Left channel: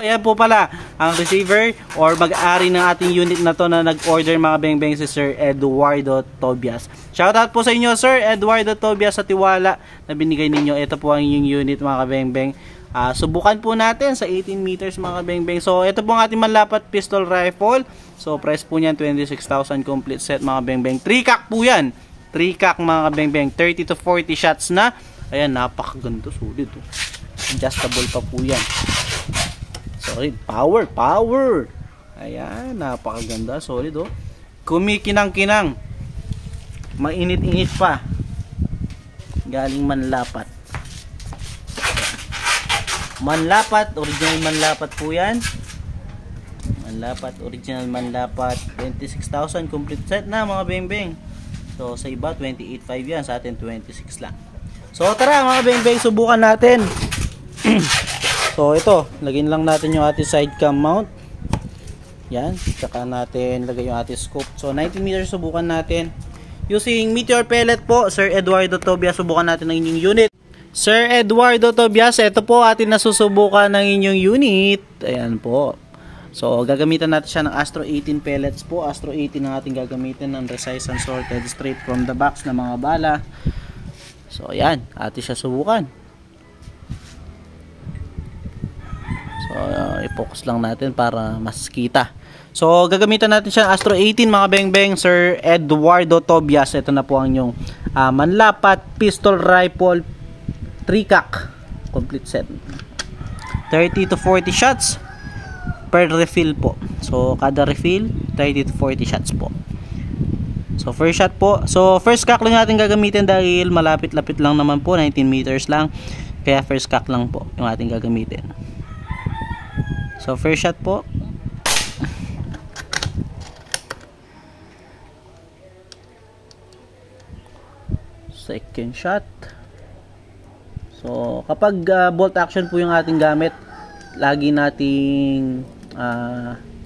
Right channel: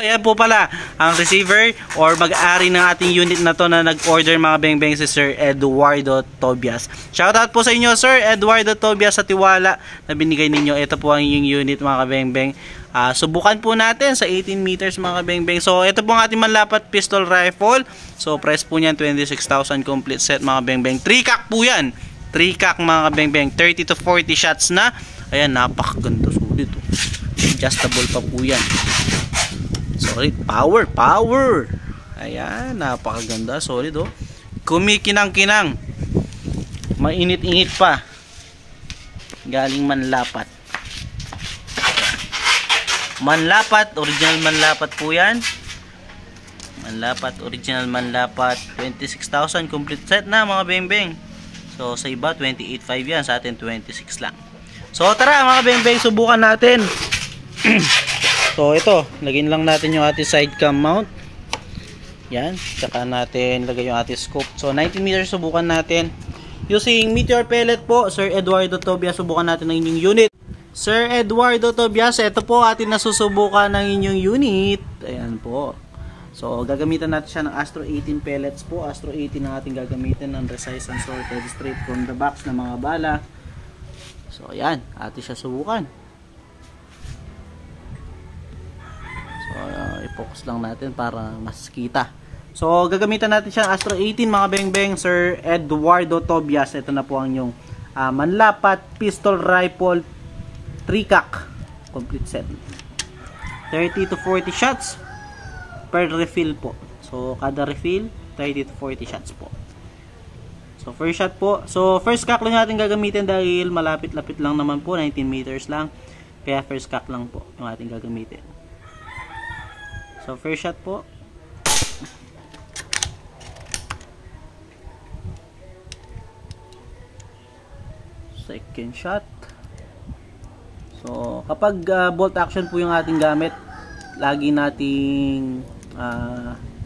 Ayan po pala ang receiver or mag-ari ng ating unit na to na nag-order mga beng-beng si Sir Eduardo Tobias. Shoutout po sa inyo Sir Eduardo Tobias sa tiwala na binigay ninyo. Ito po ang inyong unit mga beng-beng. Subukan po natin sa 18 meters mga beng-beng. So ito po ang ating manlapat pistol rifle. So price po niyan 26,000 complete set mga beng-beng. 3-cock po yan. 3-cock mga beng-beng. 30 to 40 shots na. Ayan, napakaganda. Sulit oh. Adjustable pa po yan. Solid, power. Ayan, napakaganda, solid oh. Kumikinang-kinang. Mainit-init pa. Galing manlapat. Manlapat, original manlapat po 'yan. Manlapat, original manlapat, 26,000 complete set na mga beng-beng. So sa iba 28,500 'yan, sa atin 26 lang. So tara mga beng-beng, subukan natin. So ito, lagyan lang natin yung ating side cam mount. Yan, tsaka natin lagay yung ating scope. So 19 meters subukan natin. Using meteor pellet po, Sir Eduardo Tobias, subukan natin ng inyong unit. Sir Eduardo Tobias, ito po ating nasusubukan ng inyong unit. Ayan po. So gagamitan natin siya ng Astro 18 pellets po. Astro 18 ang ating gagamitin ng precise and sorted straight from the box na mga bala. So ayan, atin siya subukan. So, i-focus lang natin para mas kita. So, gagamitan natin siya Astro 18 mga beng-beng. Sir Eduardo Tobias. Ito na po ang inyong manlapat pistol rifle 3-cock complete set. 30 to 40 shots per refill po. So, kada refill 30 to 40 shots po. So, first shot po. So, first cock lang natin gagamitin dahil malapit-lapit lang naman po. 19 meters lang. Kaya first cock lang po yung ating gagamitin. So first shot po. Second shot. So kapag bolt action po yung ating gamit, lagi nating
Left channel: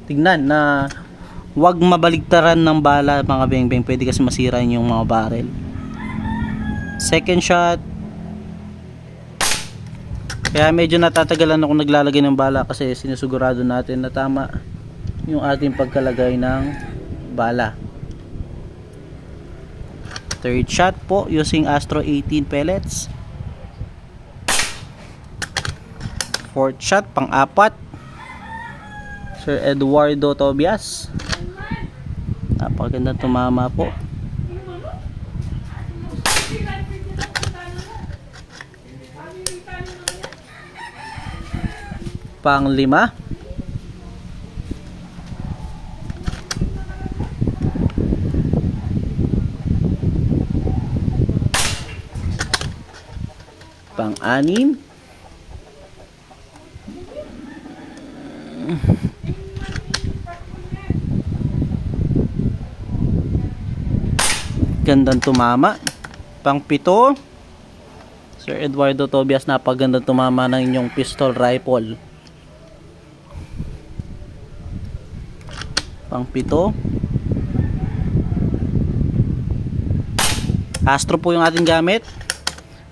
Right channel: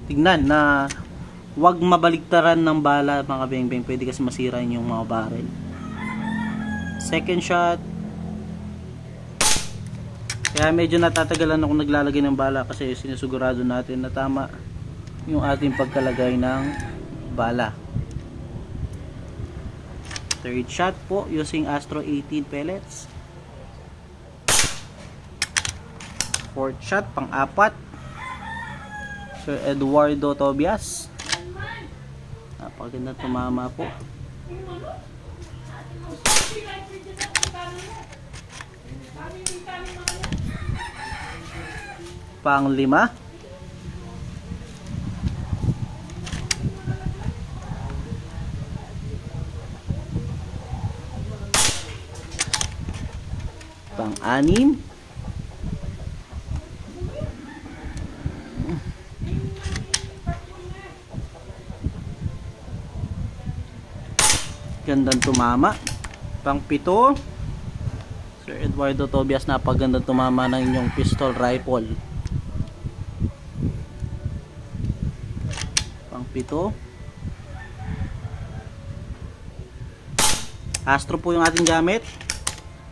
tignan na huwag mabaligtaran ng bala mga beng-beng. Pwede kasi masira yung mga barrel. Second shot. Kaya medyo natatagalan ako naglalagay ng bala kasi sinusigurado natin na tama yung ating pagkalagay ng bala. Third shot po using Astro 18 pellets. Fourth shot, pang-apat. Sir Eduardo Tobias. Napakaganda tumama po. Pang-lima. Pang-anim. Gandang tumama. Pang-pito. Sir Eduardo Tobias, napagandang tumama ng inyong pistol rifle. Pang-pito. Astro po yung ating gamit.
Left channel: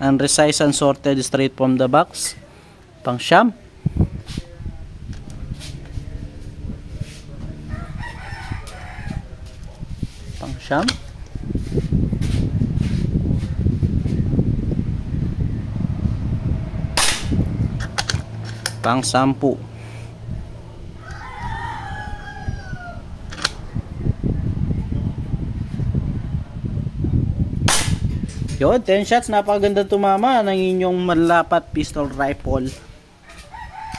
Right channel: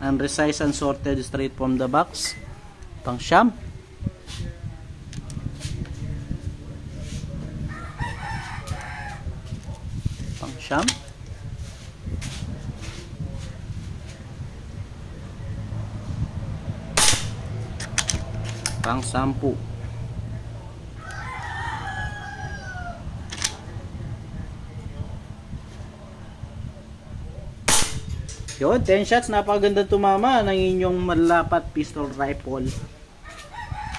Unresized and sorted straight from the box. Pang-siyam. Pang-siyam. Pang-sampu. Yun, 10 shots, napakaganda tumama ng inyong manlapat pistol rifle.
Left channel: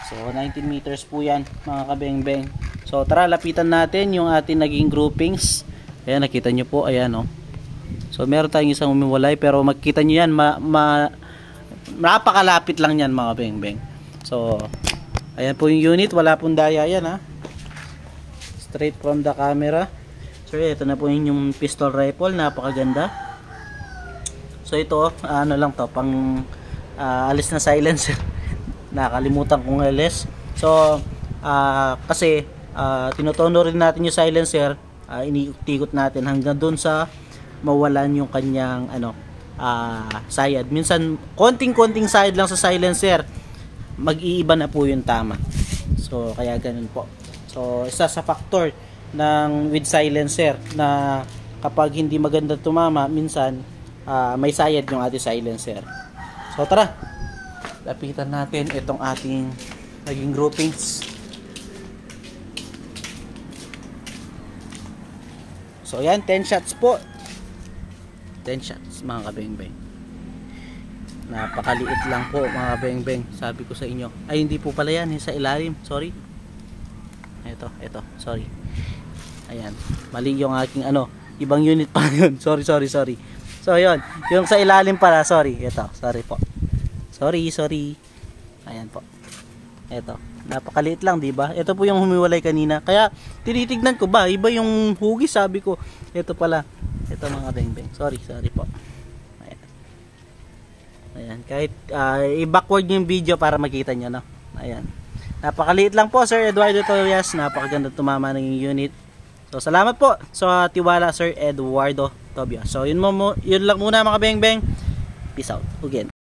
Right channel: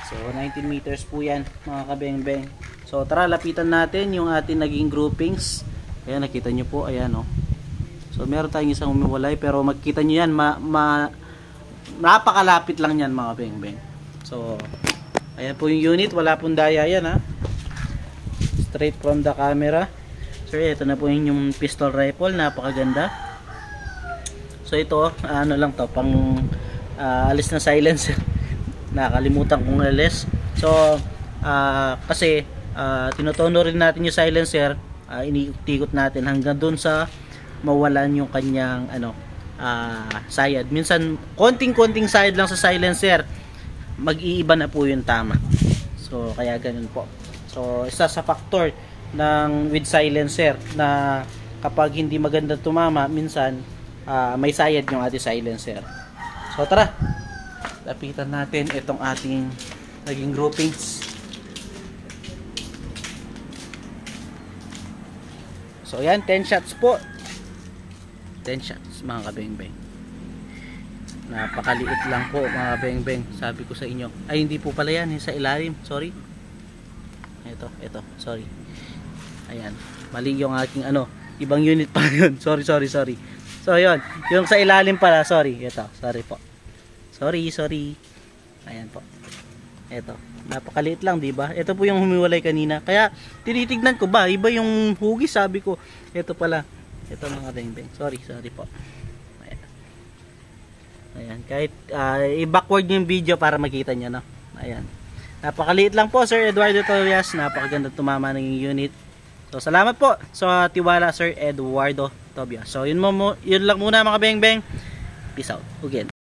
So 19 meters po yan mga kabeng-beng. So tara, lapitan natin yung ating naging groupings. Ayan, nakita nyo po, ayan o. So meron tayong isang umiwalay, pero makikita nyo yan, napakalapit lang yan mga beng-beng. So ayan po yung unit, wala pong daya yan ha. Straight from the camera. So ito na po yung pistol rifle, napakaganda. So ito, ano lang to, pang alis na silencer. Nakalimutan kong alis. So kasi tinutono rin natin yung silencer, iniikot natin hanggang dun sa mawalan yung kanyang sayad. Minsan konting-konting sayad lang sa silencer, mag-iiba na po yung tama. So kaya ganun po. So isa sa factor ng with silencer na kapag hindi maganda tumama, minsan may sayad yung ating silencer. So tara, lapitan natin itong ating naging groupings. So yan, 10 shots po. 10 shots mga kabeng-beng. Napakaliit lang po mga kabeng-beng. Sabi ko sa inyo. Ay hindi po pala yan, sa ilalim. Sorry. Ito, sorry. Ayan, mali yung aking ibang unit pa yun. Sorry. So yun, yung sa ilalim pala, sorry. Ito, sorry po. Sorry. Ayan po. Ito, napakaliit lang, di ba? Ito po yung humiwalay kanina. Kaya tinitignan ko ba, iba yung hugis, sabi ko. Ito pala. Ito mga beng-beng. Sorry po. Ayan, kahit i-backward yung video para makita nyo, no? Ayan. Napakaliit lang po, Sir Eduardo Tobias. Napakaganda tumama ng unit. So, salamat po sa tiwala, Sir Eduardo Tobias. So, yun lang muna mga beng-beng. Peace out. Again.